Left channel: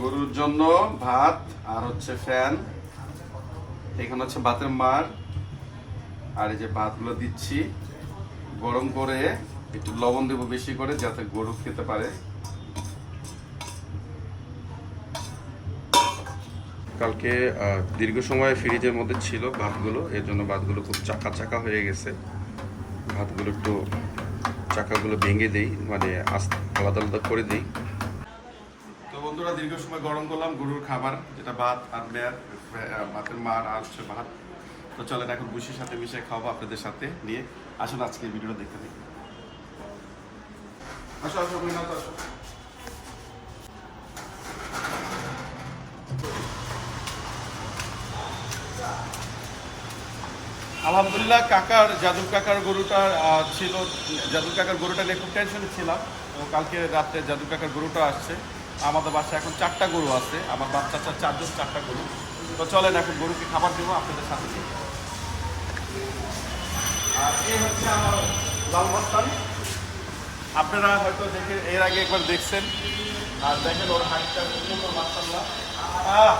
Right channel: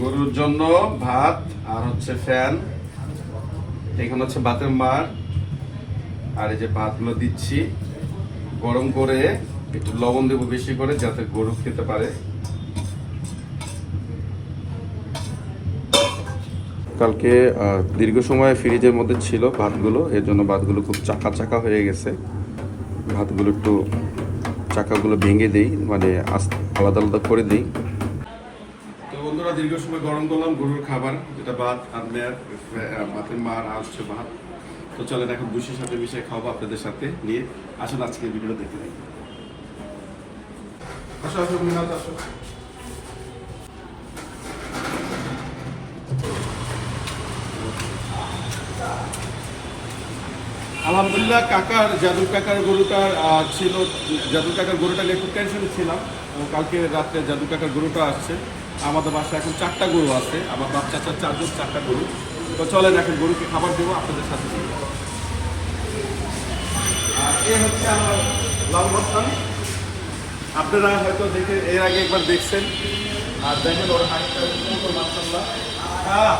গরুর জন্য ভাত আর হচ্ছে ফ্যান। এখানে হচ্ছে ভাতের মার। আর এই যে ভাতগুলো দিচ্ছি। গরম করে একটু লবণ দেবো বেশি করে যাতে গরু খেতে পারে। কালকে দীর্ঘ সময় ফ্রিজের মধ্যে ছিল ভাতগুলো। এর জন্য ভাতগুলো খুব চাকা চাকা হয়ে গেছে। ভাতগুলো একটু চাকাগুলো ভেঙে দিই। মানে আলাদা আলাদা করে দিই। বন্ধুরা দীর্ঘ সময় গরম করলাম, গরুর খাবার, যেটা ভাত আর মেয়ের ভাতের মার আর হচ্ছে ভাত। তো চলেন এখন বুসির সাথে মিশিয়ে খাওয়াবো আপনাদের সাথে নিয়ে। আসুন আজকে ভিডিও দেখতে আসো আলহামদুলিল্লাহ, কাকার, জাদুর কাকার গরুটার ছিল জাদুর কাকার গরুটা নিয়ে একটু টেনশনে ছিলাম। কালকে রাত্রে জাদুর কাকার গরুটা আসছে। আমাদের বাসায় এখন চারটা গরু আছে, আমার বাচ্চা চার চারজন, চারটা গরু। তো চলেন এখন গরুকে খাবার দেবো, আপনাদের সাথে আর এ হচ্ছে আমার লাল মাস্তান আপনারা হয়তো দেখে, এর আগে একবার দেখছেন। আর দেখেন ওর বাহ।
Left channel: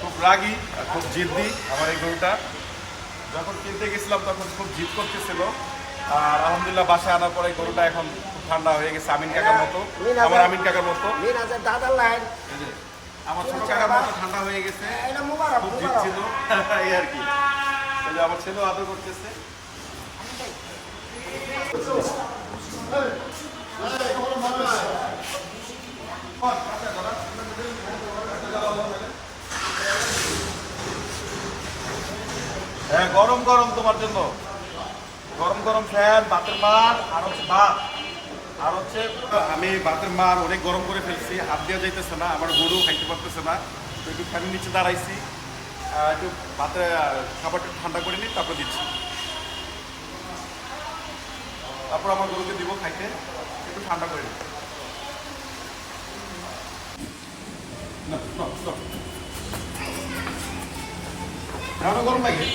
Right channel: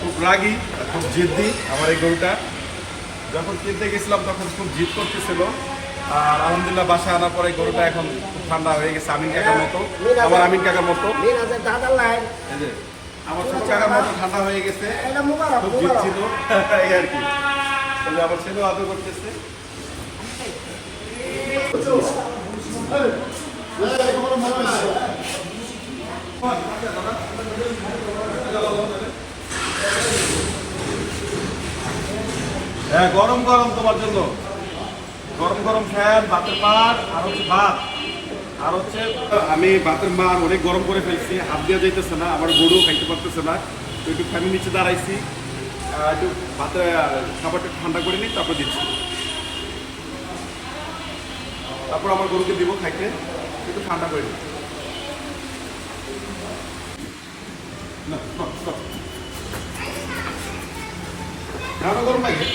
খুব রাগি, খুব জিদ্দি আমার এই গরুটা। যখন কিনতে গেছিলাম, তখন খুব জিদ করতেছিল। আলহামদুলিল্লাহ বাসায় আনার পরে গরুটা এখন ঠান্ডা হয়ে গেছে, আমিন কাকার মতো। আমার আমিন কাকার মতো। আমার ছোট কাকার মতো ঠান্ডা হয়ে গেছে। খুব এই আর কি। আমার ছেলেও আদর করতেছে। হ্যাঁ গরম গরম তোমার জন্য। গরম গরম ফ্যান ভাতের মার আর হচ্ছে ভাত। আর হচ্ছে আমি ভাতের মার অনেক গরম করে ফেলছি হাত দিয়ে যাইতেছে না আমার গরু খাইতে পারতেছে না। তো একটু ফ্যানের নিচে দাঁড়াইছি একটু ভাতে খাবারটা ঠান্ডা করে নিই তারপর দিচ্ছি। তারপর আমার গরুকে দিব খাইতে একটু ঠান্ডা করে নিই। না, গরম লাগে?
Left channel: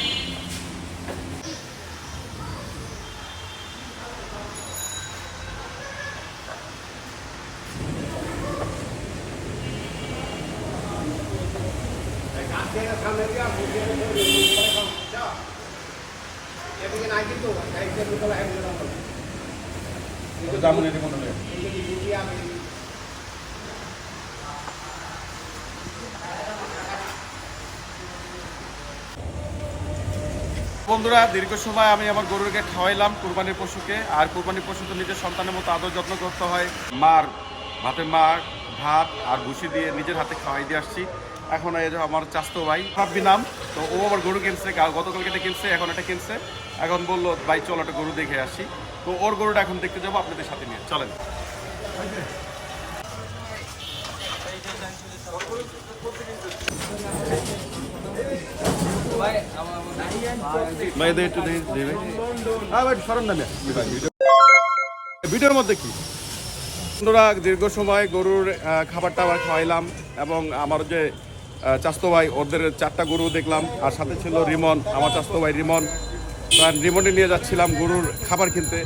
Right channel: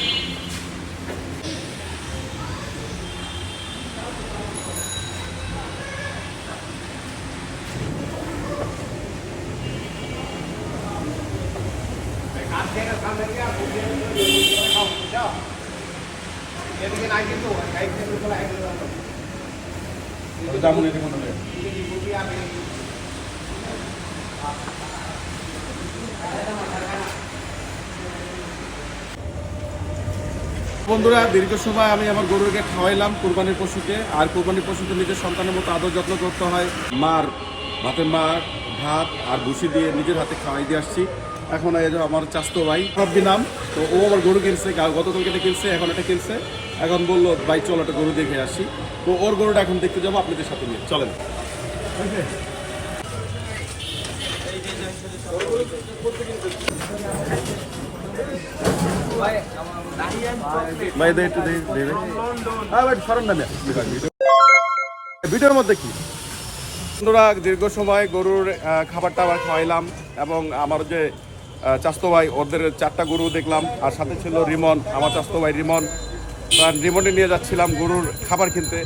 বন্ধুরা, দীর্ঘ সময় আমি আমার গরুকে খাওয়াইলাম কোরবানির পশুকে। আর কোরবানির পশু তো নিজের সন্তানের মতো আদর যত্ন করতে হয়। মার, ভাতের মার, ভাত আর ভুসি দিয়ে নিজের হাতে খাওয়াই দিয়ে আসছি। এখন এই যে আমার চাস্তো ভাই সব দিলাম তো ও আবার গরু কিনছে গতকালকে এটা কিনছে এখন এটা কিনছে। এখন বলল ভাই চলো একটা গরু দেখে আসি। তো ওর গরুটা এখন দেখতে যাব আপনাদের সাথে নিয়ে। চলেন। ভিডিওর মধ্যে কি? বন্ধুরা দীর্ঘ সময় গরুর আহ, খাবারটা আবার খাওয়াইলাম এবং আমার যে চাস্তো ভাই ওদের চারটা গরু দেখলাম আর সাথে ছিল রিমন আমার চাস্তো ভাই রিমন আর রিমনে নিয়ে যাচ্ছিলাম গরুর খাবার কিনতে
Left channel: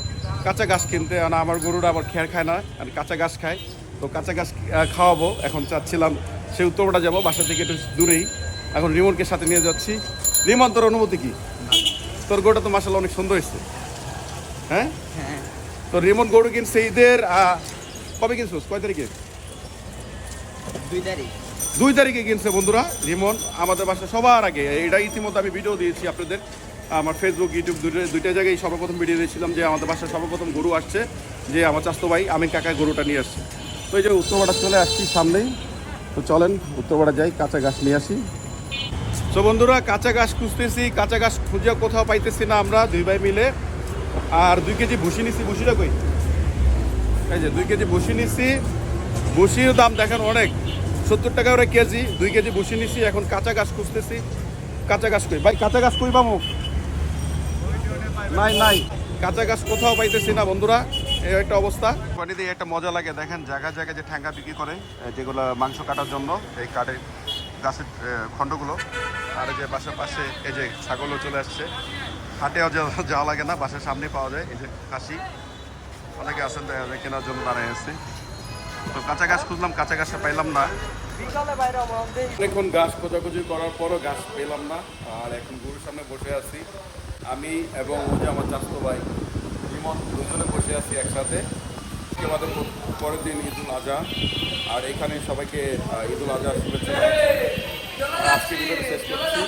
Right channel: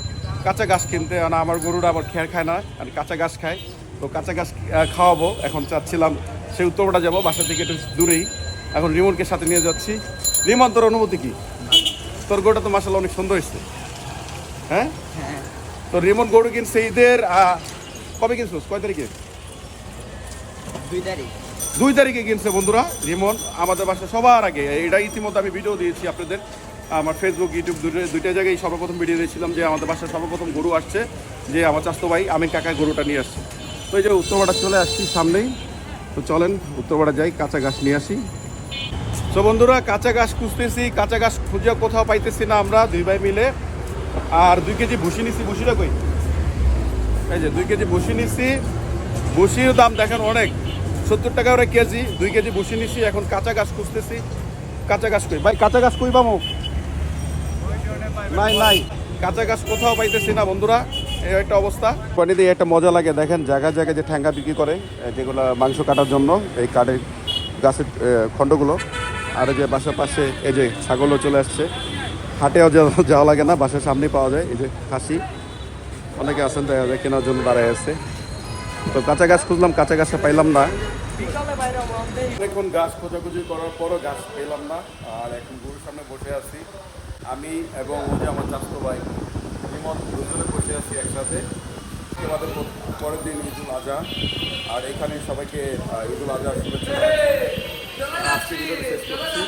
কাঁচা ঘাস কিনতে আর আমার গরুরা আবার খেয়ার খায় না আর কাঁচা ঘাস খায় তো কাঁচা ঘাস খাওয়াবো এখন চাচ্ছিলাম সে উত্তরপাড়া যাব বাসা থেকে একটু দূরেই। এখন রিমনকে সাথে নিয়ে যাচ্ছি। রিমন তোর অনুভূতি কি? তোর গরুটা তো মাসাল অনেক সুন্দর হয়েছে। হ্যাঁ? তো রিমন গরু কিনছে ঈদের কবে কিনছিস? কয় তারিখে? দুই তারিখ। দুই তারিখে কিনছে বন্ধুরা। রিমন, আমাদের বাসা সবার আগে, এটা ইতিমধ্যে আমি ভিডিও দিয়েছি আপনাদের। আমার ফেসবুক ইউটিউব দুইটা জায়গায় সর্বপ্রথম ভিডিও দিয়েছিলাম যে আমাদের বাসায় সর্বপ্রথম গরু আসছে, যে আমার চাস্তো ভাই, আমি কাকায় গরুটা নিয়ে আসছি। তো এই যে উত্তরপাড়া চলে আসছি সামনেই। তো চলেন, উত্তরপাড়া যাই, কাঁচা ঘাস নিয়ে আসি। তো বন্ধুরা, কাঁচা ঘাস খুঁজতেছি, কাঁচা ঘাস খুঁজে কোথাও পাইতেছি না আমরা, দুই ভাই মিলে। আর দুই কেজি ভুসি নিছি, ভুসিটা কই? এই যে দুই কেজি ভুসি নিছি। ভুসির দাম দেখেন অনেক। সত্তর টাকা ওরা কেজি দুই কেজি বসে নিছি এখন কাঁচা গাছ খুঁজতেছি। কাঁচা গাছ কই? ভাই কাঁচা গাছ কই পাবো? নাই নাই। কাঁচা গাছ কোথাও পাইতেছি না বন্ধুরা। এই একটা অবস্থা। পানিতে একটা মজা লাগে দেখেন জায়গায় জায়গায় যে ঠ্যাঙ্গা বিক্রি করে যেগুলো মাংস কাটার জন্য এই কাঠের গাছের খণ্ডগুলো। আর এই যে বাসার পাশে এই যে ছাগলও চলে আসছে। হাটেও যাওয়া লাগে না বাসার সামনেই পাওয়া যায় এই যে খাসি। অনেকে আছেন দেখা যায় কেনার জন্য দাঁড়ায় আছে। তো কাঁচা গাছ খুঁজলাম, কাঁচা গাছটা পাইলাম না। এখন গাছ খোঁজাখুঁজি করার পরও গাছ পেলাম না। আর এখন গরুর সামনে বসে আছি। আমি এবং ওই যে আমার চাষতো ভাই রিমন দুজনে বসে আছি একসাথে। পরের দিন ঈদুল আজহা। আর এখানে সবাইকে ঈদুল আজহা শুভেচ্ছা। শেষ করছি।